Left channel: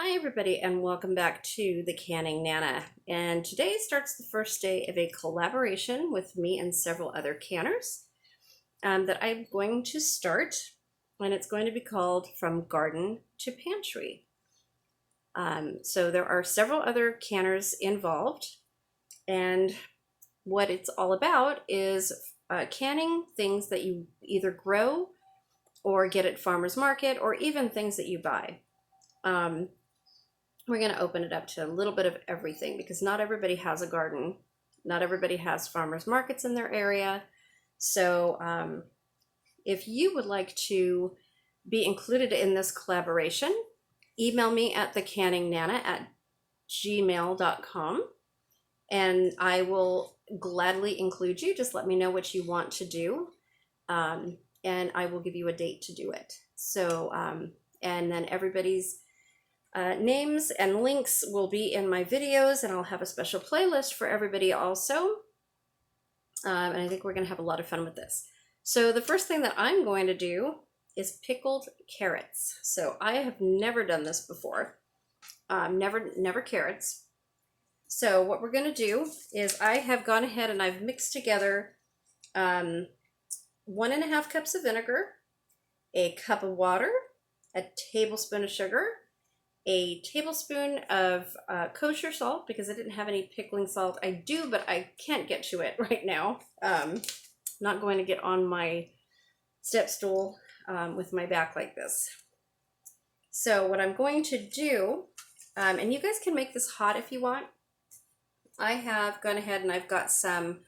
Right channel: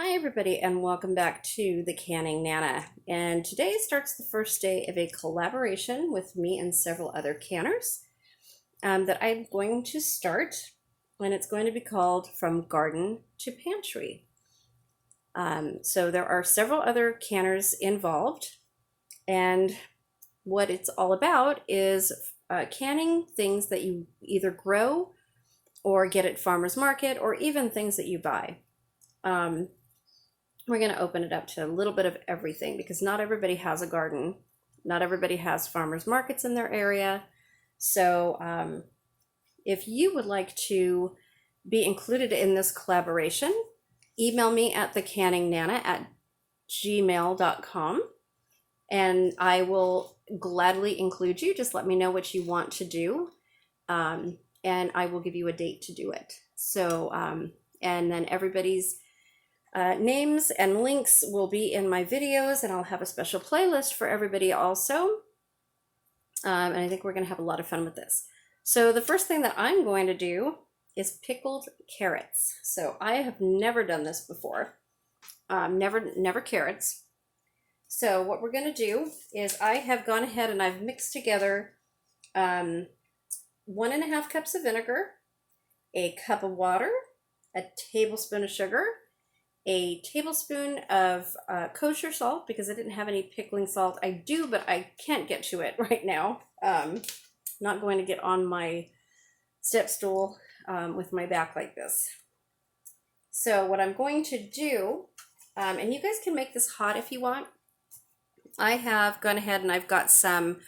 Hi everybody and welcome back to the Canning Nana. And today starts the first day of a collaboration with me and several other canners that I'm going to start, and it's going to be called From Garden to Pantry. So there are several other canners involved, and what it's all about is canning things that you either grow or get at farmers market or even things that you buy. We're going to open it up to a little bit of everything because not everybody has a garden. Not everybody has farmers markets in their area. So if you would like to be included in this collaboration, email me at thecanningnana@gmail.com and I will gladly include you. Just let me know what you want to do, and I will give you a date to do it. And then everybody's names and links will be in my videos, and I'll have a special playlist for everybody also. And I think we're going to have a lot of fun with this. So the first thing that I'm going to do is pickled carrots. So I have never done this before. Never carrots. So what we're going to do is I have gone ahead and I've mixed together 1.5 cups of vinegar, a cup of water, a tablespoon of sugar, a tablespoon of kosher salt, because I didn't have any pickling salt. I do, but I can't get to it right now. Not going to get on my step stool with my back like this. So what I'm going to do, and you guys can make this hot if you want. I have gone ahead and I've got some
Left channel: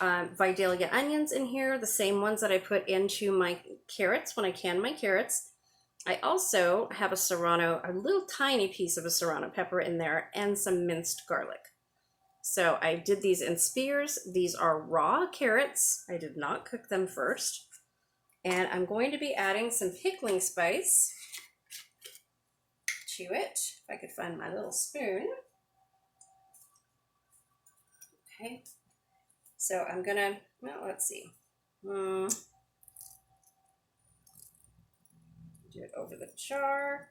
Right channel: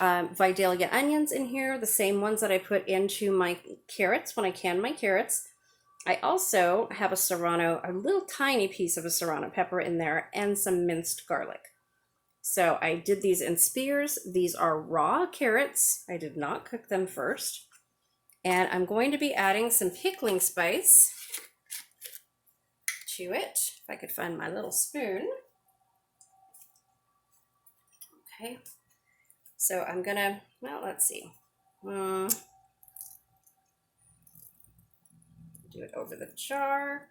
Vidalia onions in here, the same ones that I put into my carrots when I can my carrots. I also have a little tiny piece of a serrano pepper in there, and some minced garlic. So I did these in spears. These are raw carrots. I did not cook them first. And I'm going to be adding some pickling spice to it. If I could find my little spoon. Okay. So I'm gonna, well, let's see. Do it over the jar.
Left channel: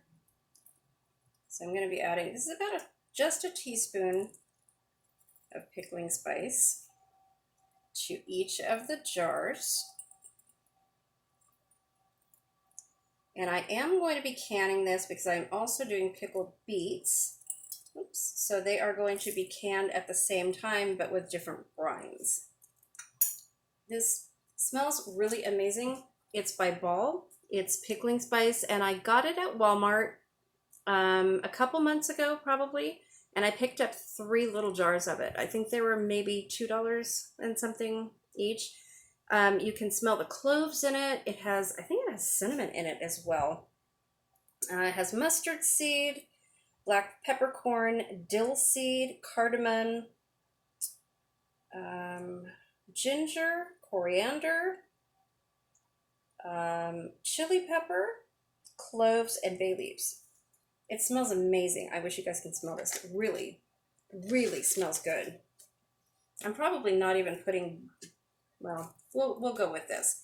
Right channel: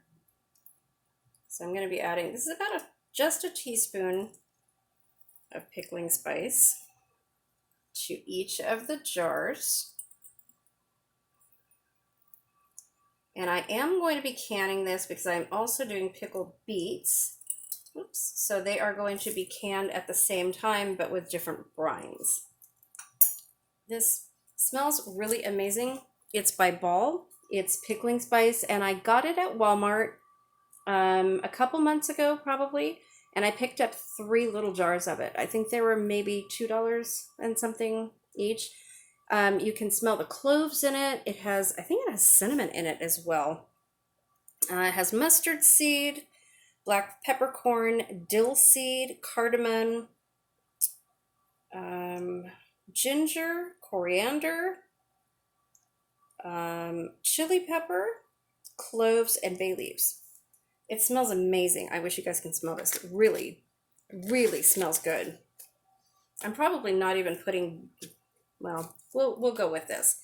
So I'm going to be adding, this is about just a teaspoon of pickling spice to each of the jars. And I am going to be canning this because I'm also doing pickled beets. Oops. So they are going to be canned at the same time, but with different brines. This smells really amazing. It's by Ball. It's pickling spice, and I got it at Walmart a couple months ago probably, and I picked up 3 little jars of it. I think they were maybe $2 and something each. You can smell the cloves in it. I think it has cinnamon in it as well. It has mustard seed, black peppercorn, dill seed, cardamom, ginger, coriander, chili pepper, cloves, and bay leaves. It smells amazing. I wish you guys can smell this. It really, really smells good. I'm probably not even putting, well, we'll go with this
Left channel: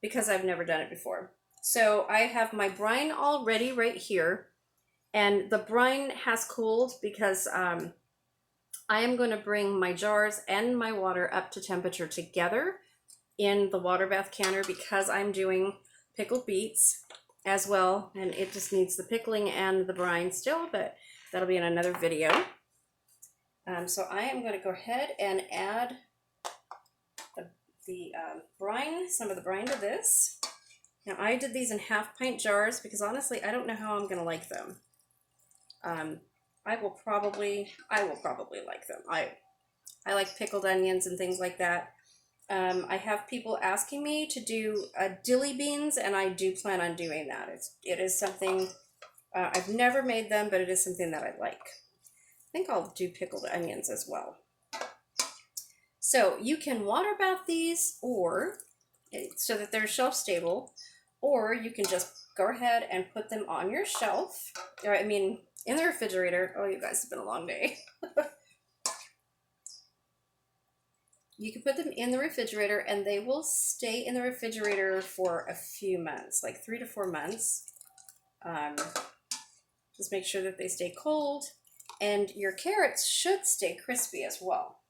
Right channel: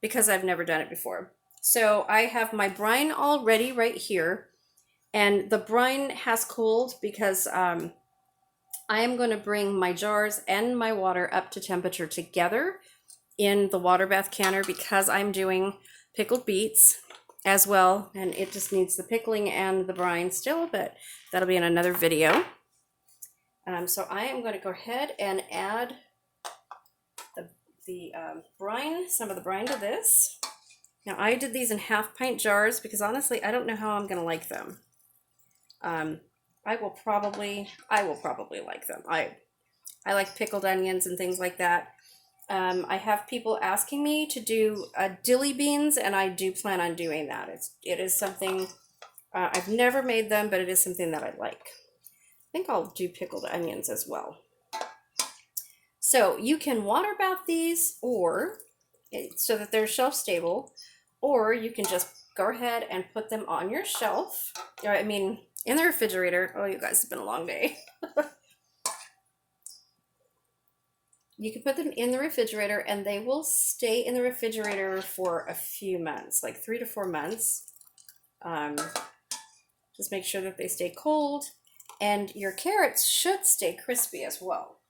because I've never done it before. So I have my brine all ready right here, and the brine has cooled because I am going to bring my jars and my water up to temperature together in the water bath canner because I'm doing pickled beets as well, and it just needs the pickling and the brine still, but that'll be in another video. So I am going to go ahead and add the brine, some of the brine to this. Now I did these in 1/2 pint jars because honestly I don't know how I'm going to like them. I will probably like them. I like pickled onions and things like that. I have people asking me to do dilly beans, and I do plan on doing that. It is something, I've never made them, but it is something that I like. I think I'll do pickled onions as well. So you can water bath these so that they're shelf stable, or you can just go ahead and put them on your shelf, or in the refrigerator. Oh, you guys, it's been a long day. You can put them in the refrigerator, and they will stay in the refrigerator for a few months, like 3 to 4 months. Just make sure that they stay cold, and your carrots should stay crispy as well.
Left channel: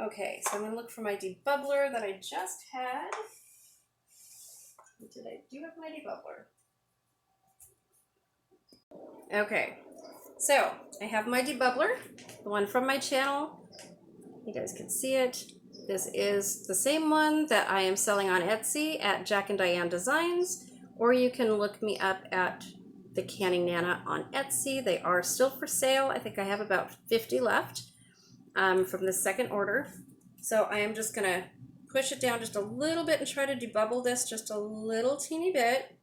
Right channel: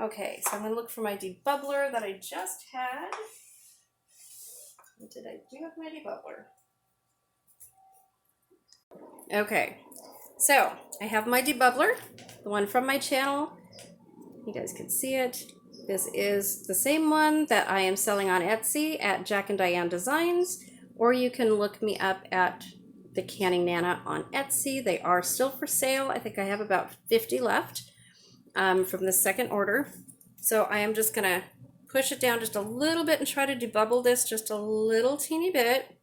Okay, so I'm going to look for my debubbler that I just had. What did I do with my debubbler? Okay, so I have my debubbler, the one from my channel. You guys can see it. This is the same one that I am selling on Etsy at Jack and Diane Designs, or you can look me up at the Canning Nana on Etsy. They are still for sale. I think I have about 50 left from the second order. So I am just gonna push it down just a little bit and try to debubble this just a little teeny bit.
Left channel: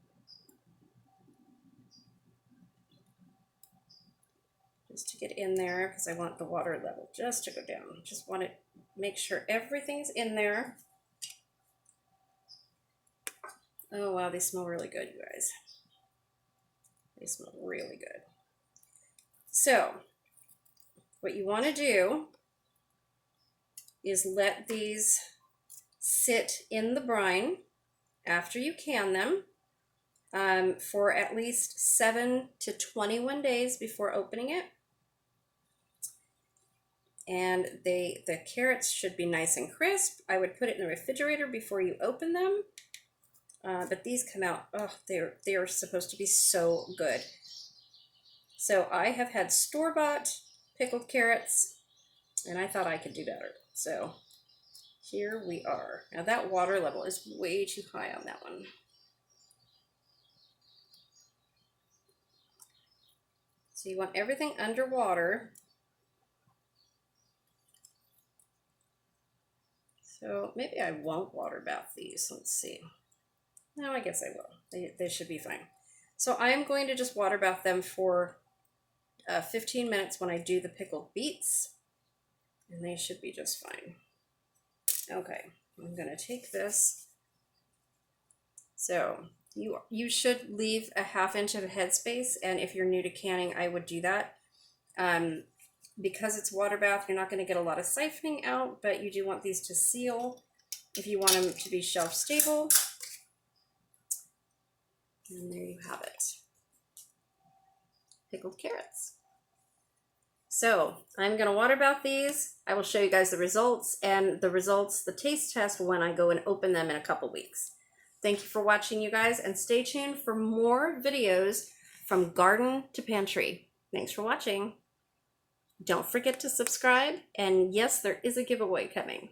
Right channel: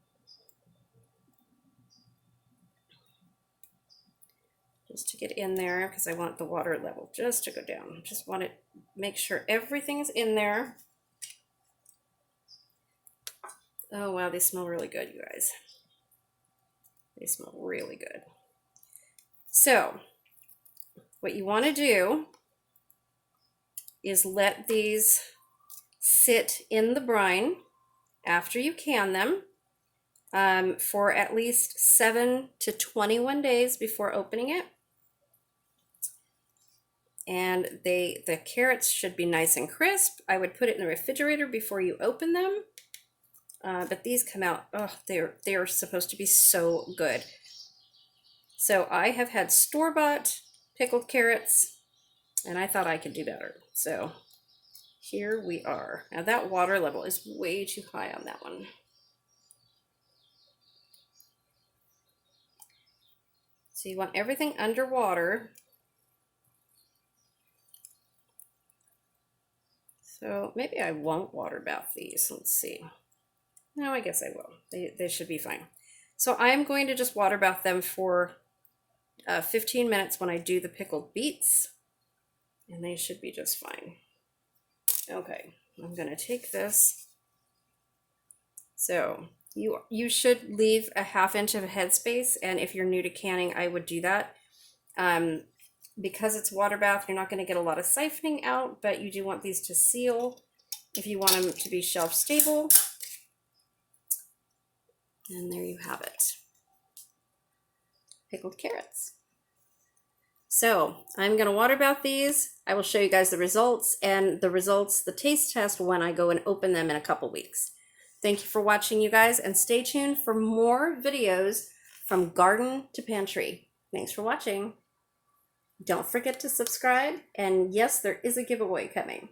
Just to get in there, because I want the water level just to go down. Just want to make sure everything is in there. Oh wow, they smell really good, you guys. They smell really good. So what you want to do is let these sit in the brine after you can them for at least 7 to 21 days before opening it. And the carrots should be nice and crisp. I would put it in the refrigerator before you open them. But these come out, oh, they're supposed to be so good. So I have had store-bought pickled carrots, and I thought I could do better. So here we are. Now that water level is way too high on that one. So you want everything underwater. So maybe I won't water bath these. Let's see. No, I guess I will. They should be fine. So I'm going to just water bath them for 15 minutes when I do the pickled beets. And they should be just fine. Okay, I'm going to take this. So you should leave a ½ inch of a headspace. And if you're new to canning, I would do that. Because it's water bath, you're not going to get a lot of siphoning out, but you do want these to seal if you want them to be shelf stable. And there you have it. Pickled carrots. So I'm going to water bath these. I will show you guys the results and the taste test when I go and open them in a couple weeks. Thank you for watching, you guys, and stay tuned for more videos from garden to pantry. Thanks for watching. Don't forget to subscribe, and yes, there is a giveaway coming.